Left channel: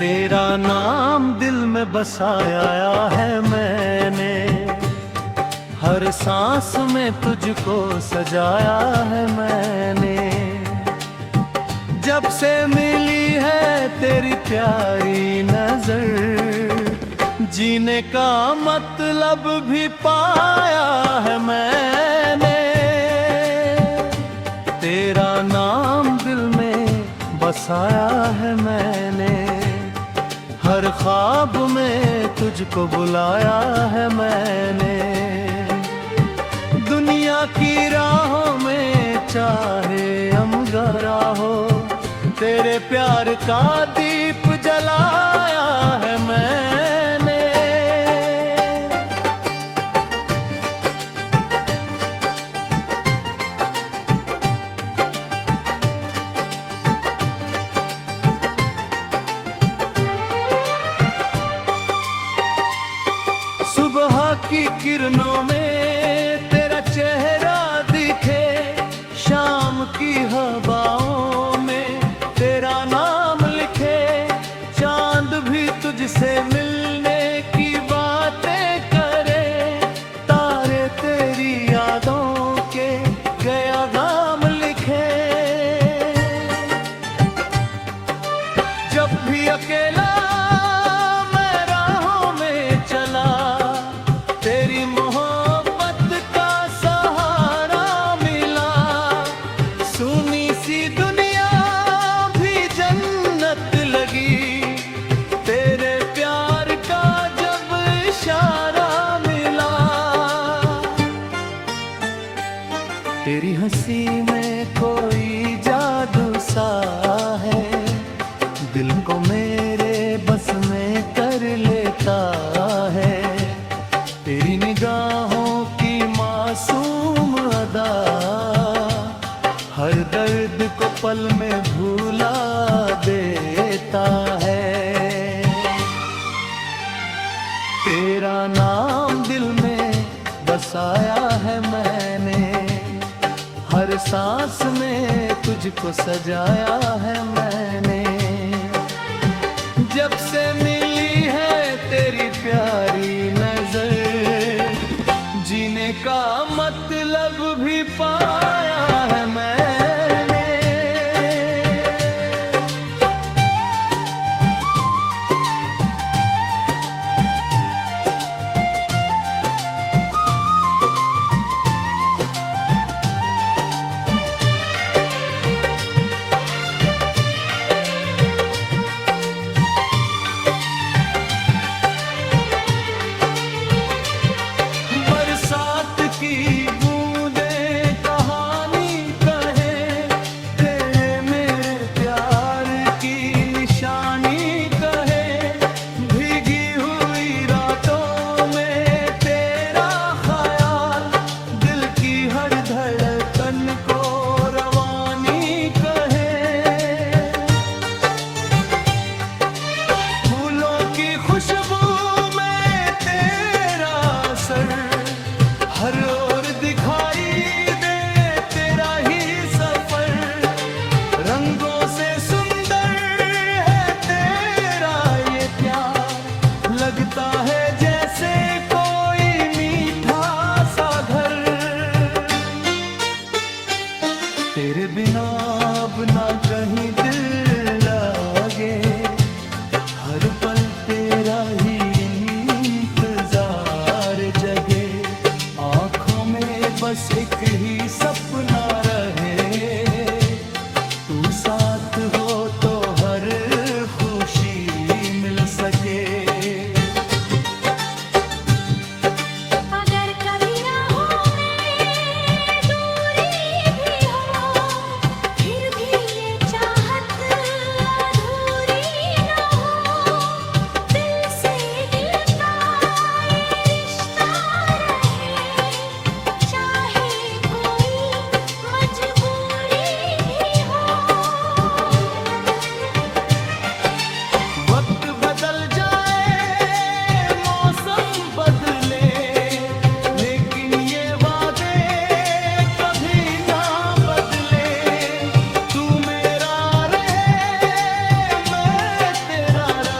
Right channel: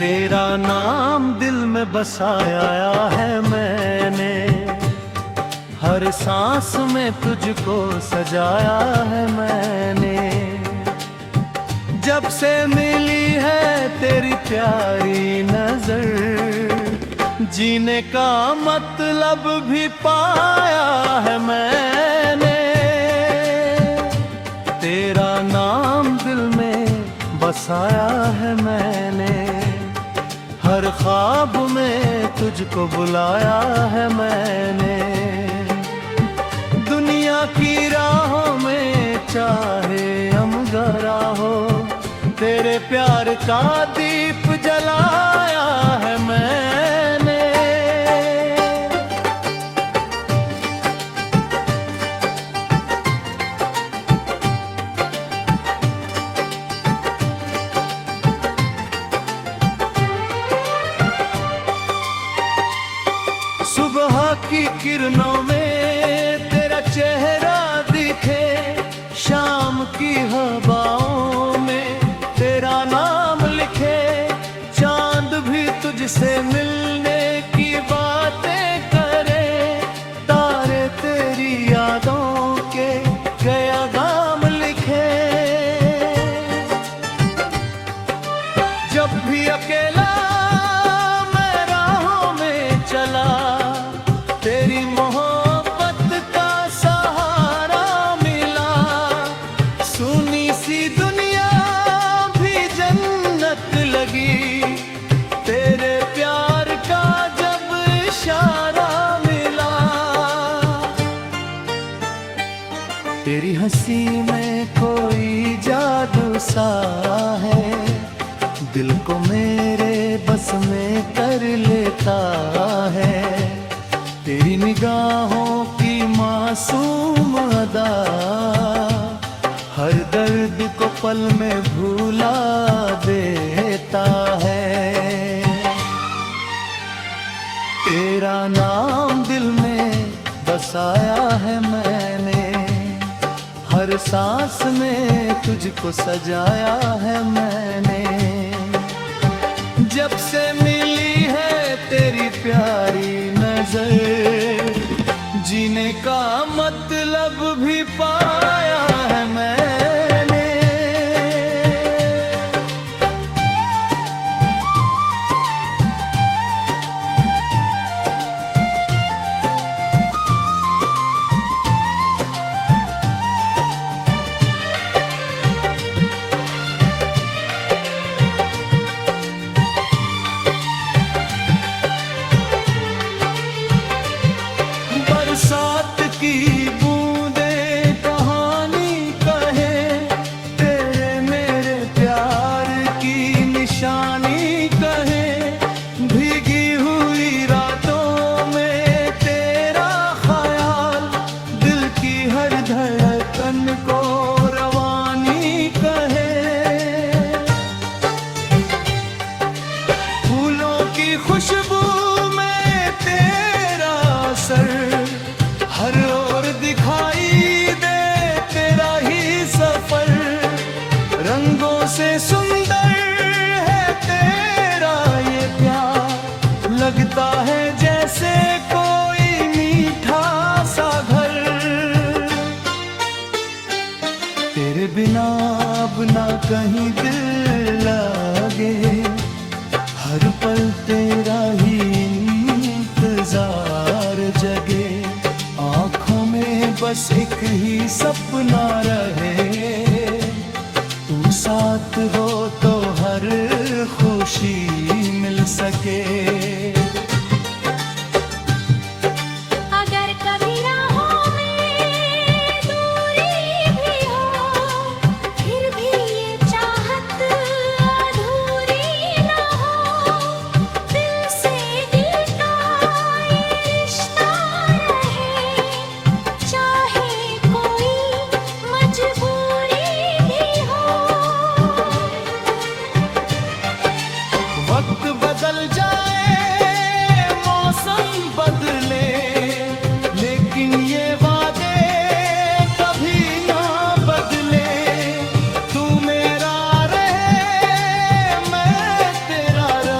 तेरा नाम दिल में बसाया है मैंने, हर सांस में तुझको सजाया है मैंने। जब से मिली है तेरी प्यारी नजर, जीने का मतलब भी पाया है मैंने। तेरा नाम दिल में बसाया है मैंने, हर ख्वाब में तुझको बुलाया है मैंने। दुनिया की राहों में चाहे अंगारा हो, तेरे प्यार का दीप जलाया है मैंने। सुबह की किरणों में तेरा चेहरा दिखे, शाम की हवाओं में तेरा नाम लिखे। चांद भी तुझसे मिलने की बातें करे, तारे तेरी यादों के क़यागाम लिखे। जब भी अकेला मैं राहों में चला, तेरी मोहब्बत का सहारा मिला। सुनी सी दुनिया भी जन्नत लगी, तेरे प्यार का जब इशारा मिला। तेरी हंसी में कोई जादू सा है, दिल को मेरे बस में कर लेता है। तेरी निगाहों की मासूम अदा, हर दर्द को पल में भुला देता है। तेरा नाम दिल में बसाया है मैंने, हर सांस में तुझको सजाया है मैंने। जब से मिली है तेरी प्यारी नजर, जीने का मतलब भी पाया है मैंने। बरसात की बूंदें कहानी कहे, तेरे मेरे प्यार की निशानी कहे। भीगी हुई रातों में तेरा ख्याल, दिल की हर धड़कन को रवानी कहे। फूलों की खुशबू में तेरा सर, हर ओर दिखाई दे तेरा ही सफर। रंगों से सुंदर है तेरा ये प्यार, लगता है जैसे कोई मीठा सा घर। तेरे बिना अब ना कहीं दिल लगे, हर पल तेरा ही इंतजार जगे। आँखों में बस एक ही सपना रहे, तू साथ हो तो हर खुशी मिल सके। अगर कभी राहों में दूरी भी हो, फिर भी ये चाहत अधूरी ना हो। दिल से दिल का ये रिश्ता रहे, चाहे कोई मजबूरी भी हो। वक्त बदल जाए, मौसम बदले, लेकिन ये वादे कभी ना बदले। तू मेरा रहे, मैं तेरा रहे।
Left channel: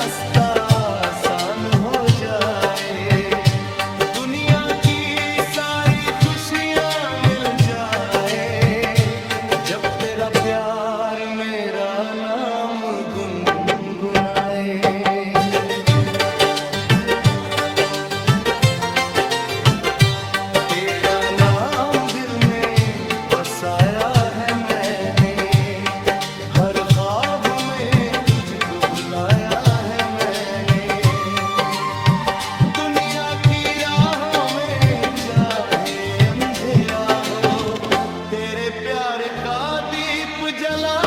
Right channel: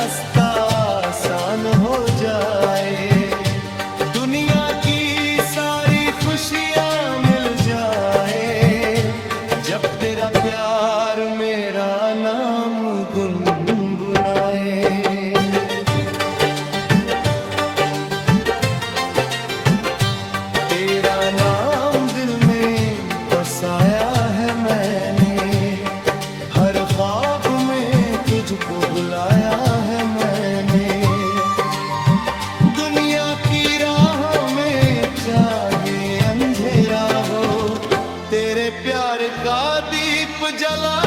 रास्ता आसान हो जाए, दुनिया की सारी खुशियां मिल जाए, जब तेरा प्यार मेरा नाम गुनगुनाए। तेरा नाम दिल में बसाया है मैंने, हर ख्वाब में तुझको बुलाया है मैंने, दुनिया की राहों में चाहे अंधेरा हो, तेरे प्यार का दीप जला